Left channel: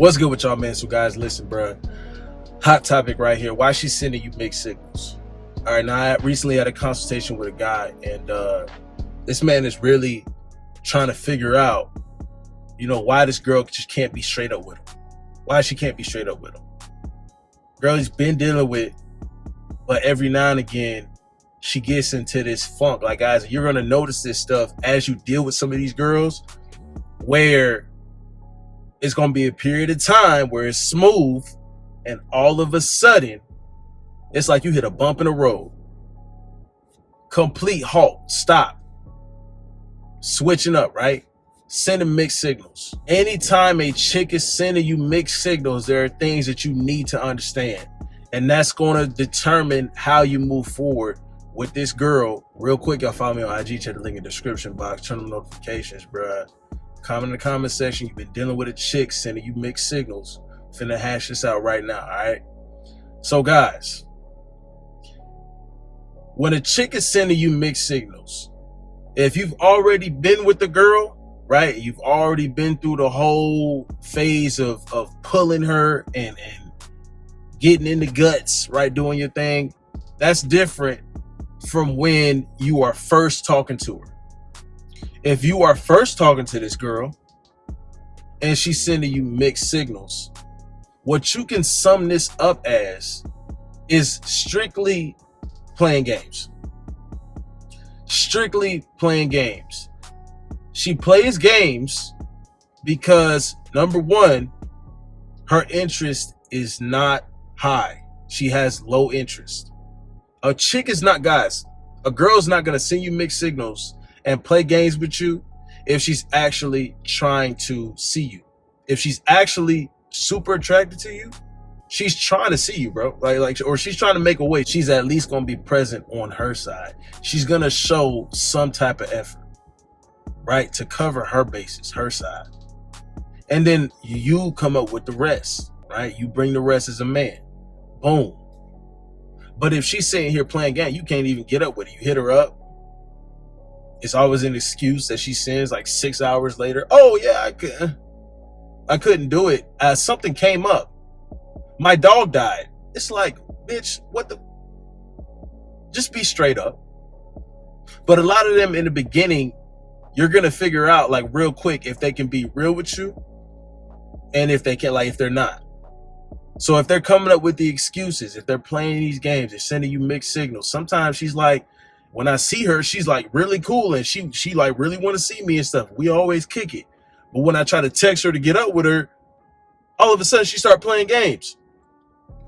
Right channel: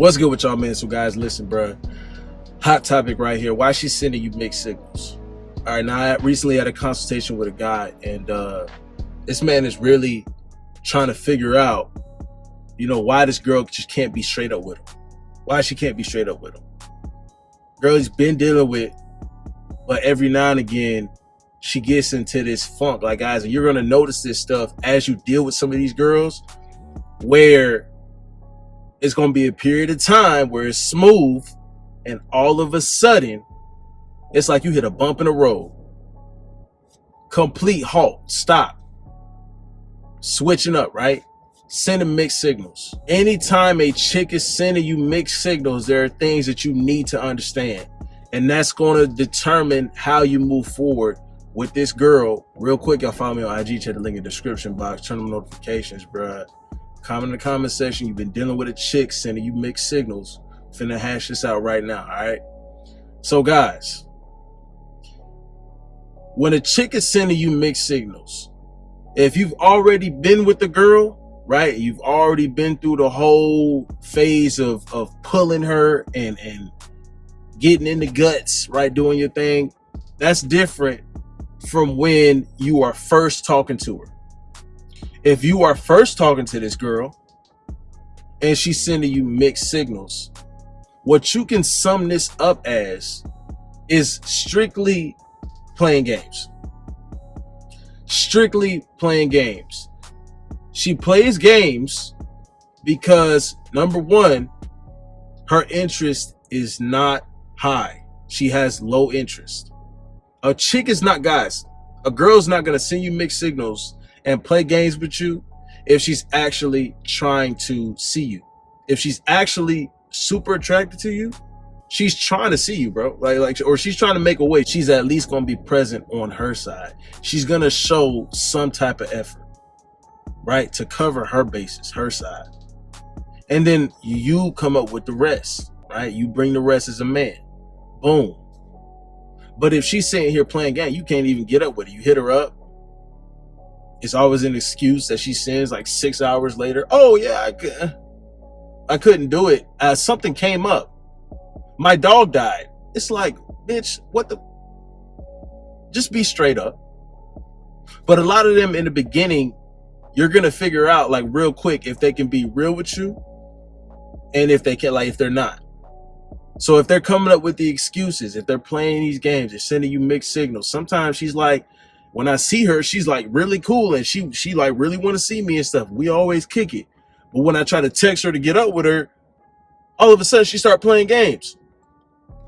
What's good with y'all, man? So guys, listen, bro. Hot topic right here. Why she's sending you mixed signals? All right, now I recently had a consultation with a guy, and this man is really trying to figure out, why this girl just can't be straight up with him. Why she can't be straight up with him. Girl he's been dealing with, but every now and again, she gets into this funk. Like, guys, you're going to notice this stuff as you deal with some of these girls, where it's going to be a period of time where it's smooth, and all of a sudden, it's like you hit a bump in the road. Complete halt, stop. Switching up, right? Sending mixed signals. Anytime a chick is sending you mixed signals, there are things that you need to understand. And that's going to determine how you move forward with this girl. Real quick, y'all follow me on IG, check the link in the description box, turn on notifications, bruh. Comment in the comment section. You've been dealing with a chick sending you mixed signals. Finna hash this out right now, all right? So guys, when a chick is sending you mixed signals, if you've already been with the girl, right? You've already been through the whole phase of pulling her and getting in the guts, right? Doing your thing. That's different from when you are first talking to her. If you are first talking to this girl and she's sending you mixed signals, what you can sum this up as is strictly playing games. Strictly playing games. She plays games because, number one, her interest is not high. She has low interest. A chick is not, guys, a girl's not going to send you mixed signals and play games with you if she's actually trying to see you. If she's actually super attracted to you, she's trying to see you, bro. Or she's trying to make a way. She's at least going to be present on her side. She's going to show some type of effort, right? To cover her bases, her side. And then you come up with the rest, right? You bring the rest as a man. Boom. But if she's sitting here playing game, you can't even get up with her. You hit her up. It's always an excuse that she sends like 6 hours later. Oh yeah, I couldn't do it. Something came up. My dog died. It's like, bitch, what the? Just be straight up. But a lot of them in the beginning, you're going to figure out like real quick if they can be real with you and if they can, like, if they're not. So if they're coming up with the excuses, if they're playing these games, they're sending you mixed signals. Sometimes she's like, when I see her, she's like really cool and she like really want to see me and stuff. We always kick it. But when I try to text her to get up with her, all of a sudden she start playing games.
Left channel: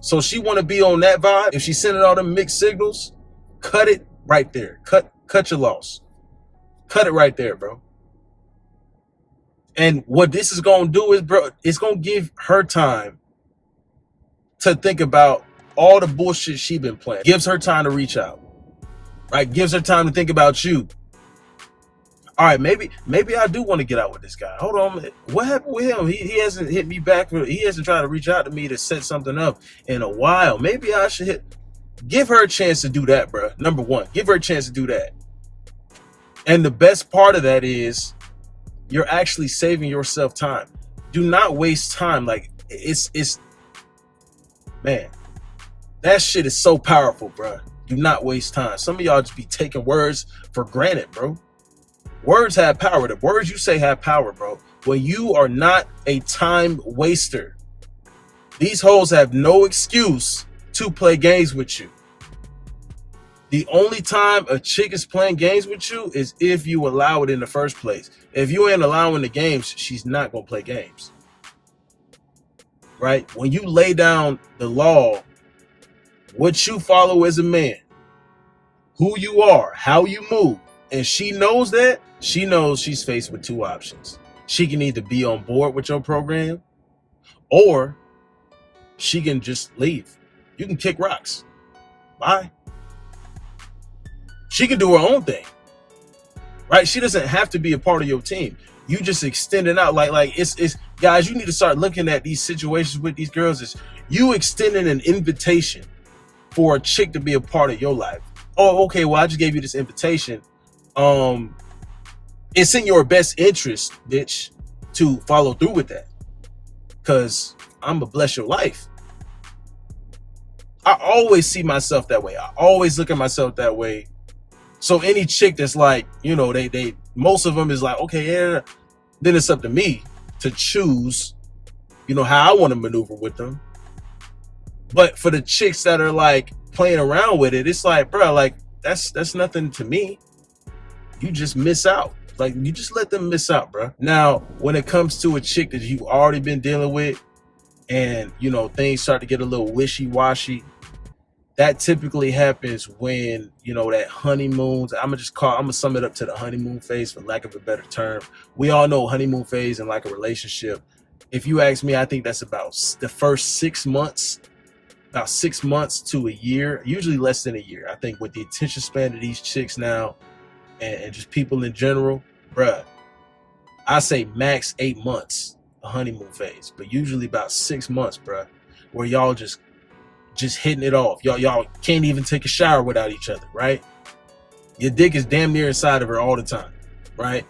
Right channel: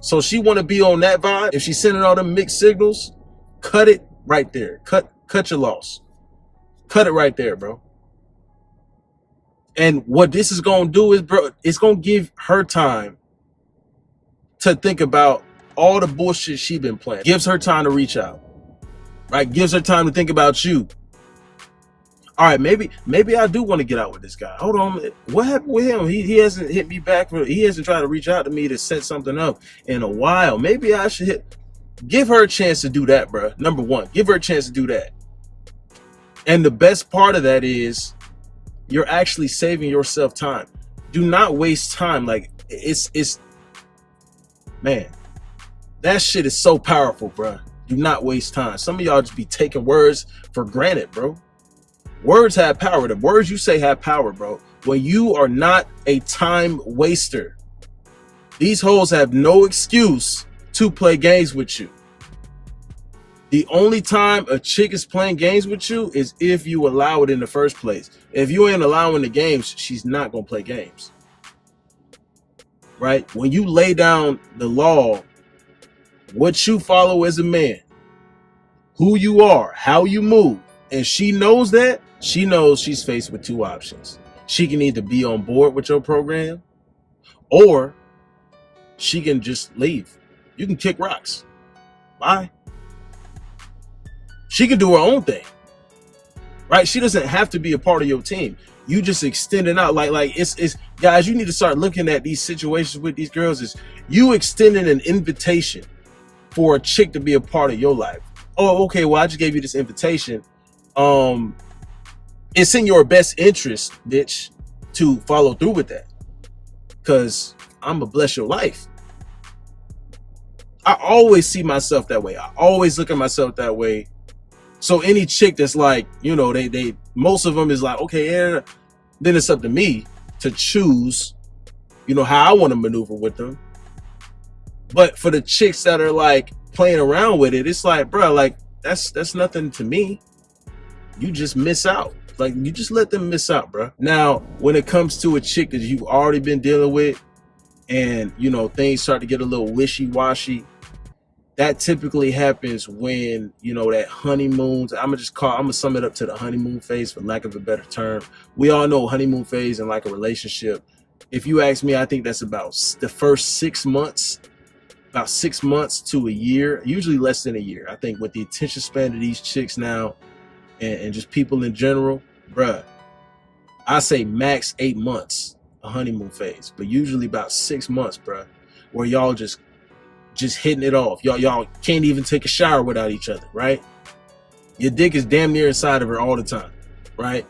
So she want to be on that vibe. If she's sending all them mixed signals, cut it right there. Cut your loss. Cut it right there, bro. And what this is going to do is, bro, it's going to give her time to think about all the bullshit she been playing. Gives her time to reach out. Right? Gives her time to think about you. All right, maybe I do want to get out with this guy. Hold on, what happened with him? He hasn't hit me back. He hasn't tried to reach out to me to set something up in a while. Maybe I should give her a chance to do that, bro. Number one, give her a chance to do that. And the best part of that is you're actually saving yourself time. Do not waste time. Like, it's man, that shit is so powerful, bro. Do not waste time. Some of y'all just be taking words for granted, bro. Words have power. The words you say have power, bro. When you are not a time waster, these hoes have no excuse to play games with you. The only time a chick is playing games with you is if you allow it in the first place. If you ain't allowing the games, she's not going to play games. Right? When you lay down the law, what you follow as a man, who you are, how you move, and she knows that, she knows she's faced with two options. She can either be on board with your program or she can just leave. You can kick rocks. Bye. She can do her own thing. Right? She doesn't have to be a part of your team. You just extending out like it's guys, you need to start looking at these situations with these girls as you extending an invitation for a chick to be a part of your life. Oh, okay, well, I just gave you this invitation. It's in your best interest, bitch, to follow through with that. because I'm gonna bless your life. I always see myself that way. I always look at myself that way. So any chick that's like, you know, they most of them is like, okay, yeah, then it's up to me to choose, you know, how I want to maneuver with them. But for the chicks that are like playing around with it, it's like, bro, like that's nothing to me. You just miss out. Like, you just let them miss out, bro. Now, when it comes to a chick that you've already been dealing with and, you know, things start to get a little wishy-washy, that typically happens when, you know, that honeymoon, I'm gonna sum it up to the honeymoon phase, for lack of a better term. We all know honeymoon phase in like a relationship. If you ask me, I think that's about the first 6 months, about 6 months to a year, usually less than a year. I think with the attention span of these chicks now and just people in general, bruh, I say max 8 months, a honeymoon phase, but usually about 6 months, bruh, where y'all just hitting it off. Y'all can't even take a shower without each other, right? Your dick is damn near inside of her all the time, right?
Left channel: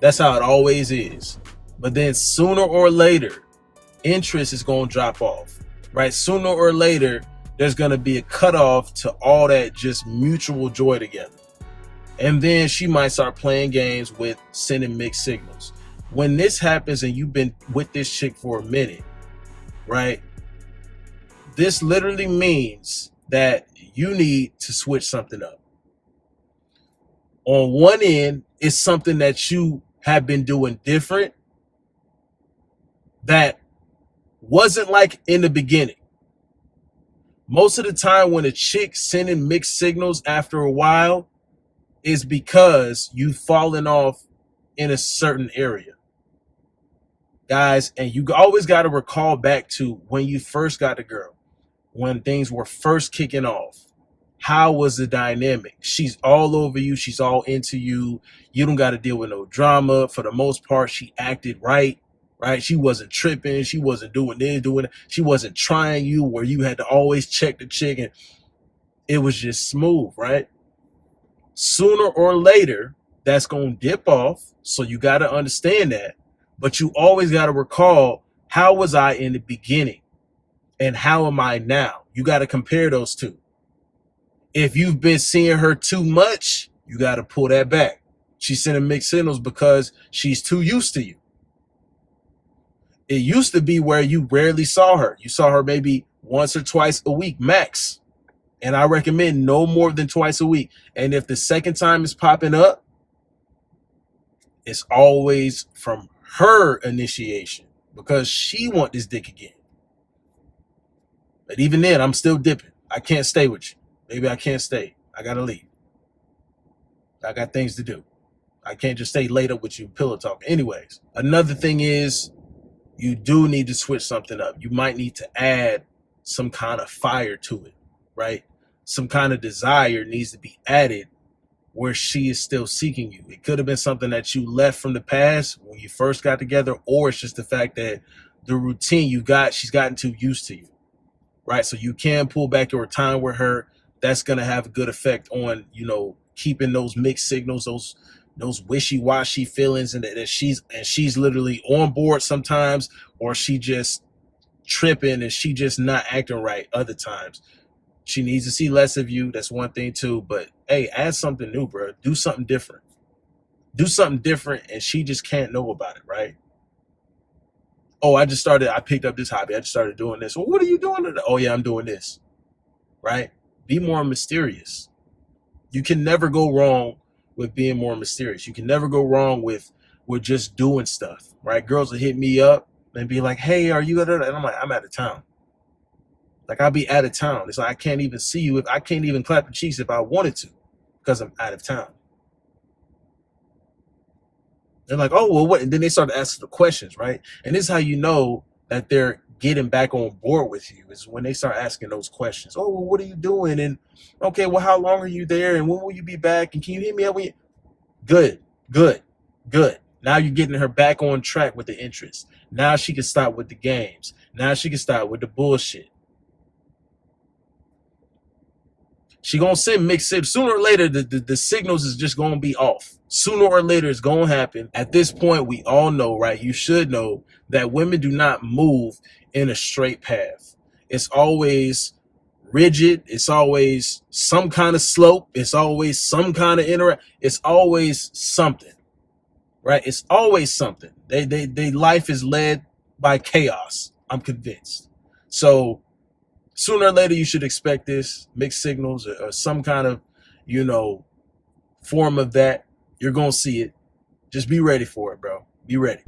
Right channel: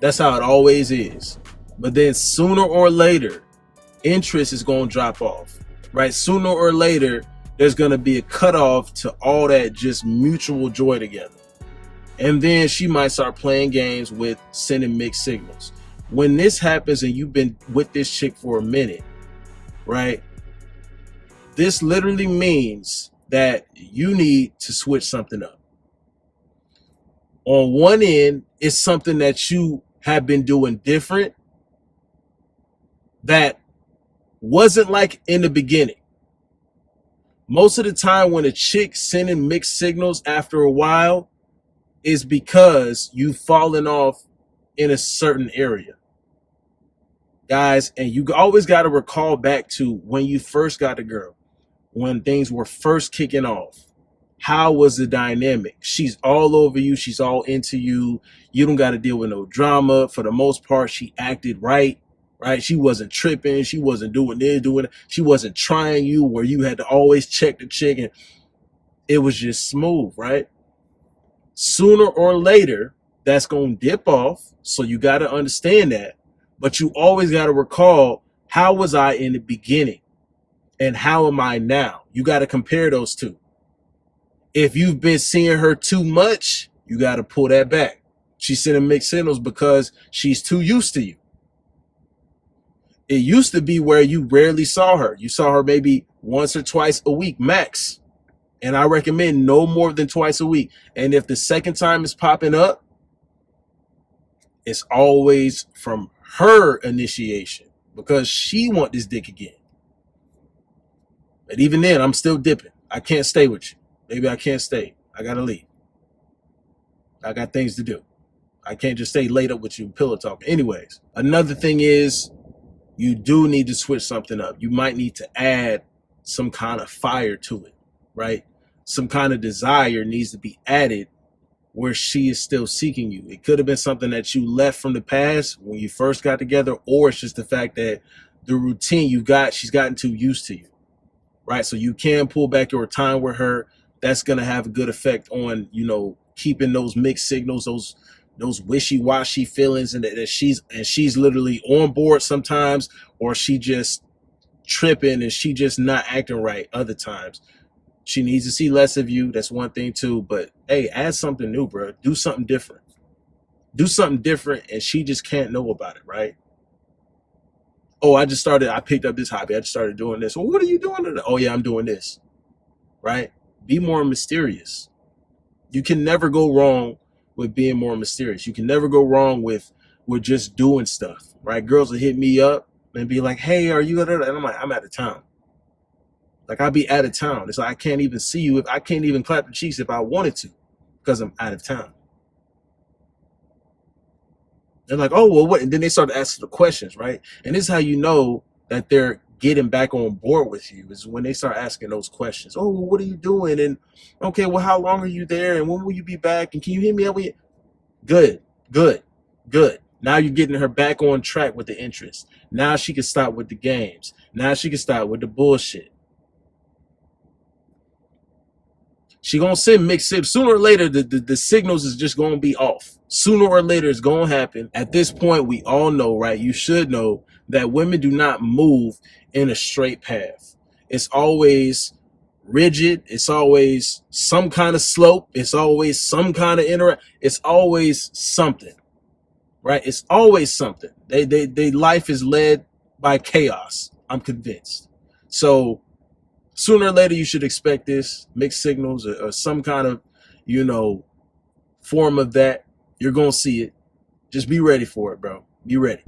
That's how it always is. But then sooner or later, interest is going to drop off, right? Sooner or later, there's going to be a cutoff to all that just mutual joy together. And then she might start playing games with sending mixed signals. When this happens and you've been with this chick for a minute, right? This literally means that you need to switch something up. On one end, it's something that you have been doing different that wasn't like in the beginning. Most of the time when a chick sending mixed signals after a while is because you've fallen off in a certain area. Guys, and you always got to recall back to when you first got a girl, when things were first kicking off. How was the dynamic? She's all over you. She's all into you. You don't got to deal with no drama. For the most part, she acted right? She wasn't tripping. She wasn't doing this, doing that. She wasn't trying you where you had to always check the chick, and it was just smooth, right? Sooner or later, that's going to dip off. So you got to understand that. But you always got to recall, how was I in the beginning? And how am I now? You got to compare those two. If you've been seeing her too much, you got to pull that back. She's sending mixed signals because she's too used to you. It used to be where you rarely saw her. You saw her maybe once or twice a week, max. And I recommend no more than twice a week. And if the second time is popping up, it's always from her initiation because she want this dick again. But even then, I'm still dipping. I can't stay with you. Maybe I can't stay. I got to leave. I got things to do. I can't just stay laid up with you pillow talking. Anyways, another thing is you do need to switch something up. You might need to add some kind of fire to it, right? Some kind of desire needs to be added where she is still seeking you. It could have been something that you left from the past when you first got together, or it's just the fact that the routine she's gotten too used to you, right? So you can pull back your time with her. That's going to have a good effect on, you know, keeping those mixed signals, those wishy-washy feelings, and that she's literally on board sometimes, or she just tripping and she just not acting right other times. She needs to see less of you. That's one thing too. But hey, add something new, bro. Do something different. Do something different, and she just can't know about it, right? Oh, I picked up this hobby. I just started doing this. Well, what are you doing today? Oh yeah, I'm doing this. Right? Be more mysterious. You can never go wrong with being more mysterious. You can never go wrong with just doing stuff, right? Girls will hit me up and be like, hey, are you at it? And I'm like, I'm out of town. Like, I'll be out of town. It's like, I can't even see you. I can't even clap your cheeks if I wanted to because I'm out of town. They're like, oh, well, what? And then they start asking the questions, right? And this is how you know that they're getting back on board with you, is when they start asking those questions. Oh, well, what are you doing? And okay, well, how long are you there? And when will you be back? And can you hit me up? Good. Now you're getting her back on track with the interest. Now she can stop with the games. Now she can stop with the bullshit. She gonna send mixed signals. Sooner or later, the signals is just gonna be off. Sooner or later, it's gonna happen. At this point, we all know, right? You should know that women do not move in a straight path. It's always rigid. It's always some kind of slope. It's always some kind of it's always something, right? It's always something. They life is led by chaos. I'm convinced. So sooner or later, you should expect this mixed signals or some kind of, form of that. You're going to see it. Just be ready for it, bro. Be ready.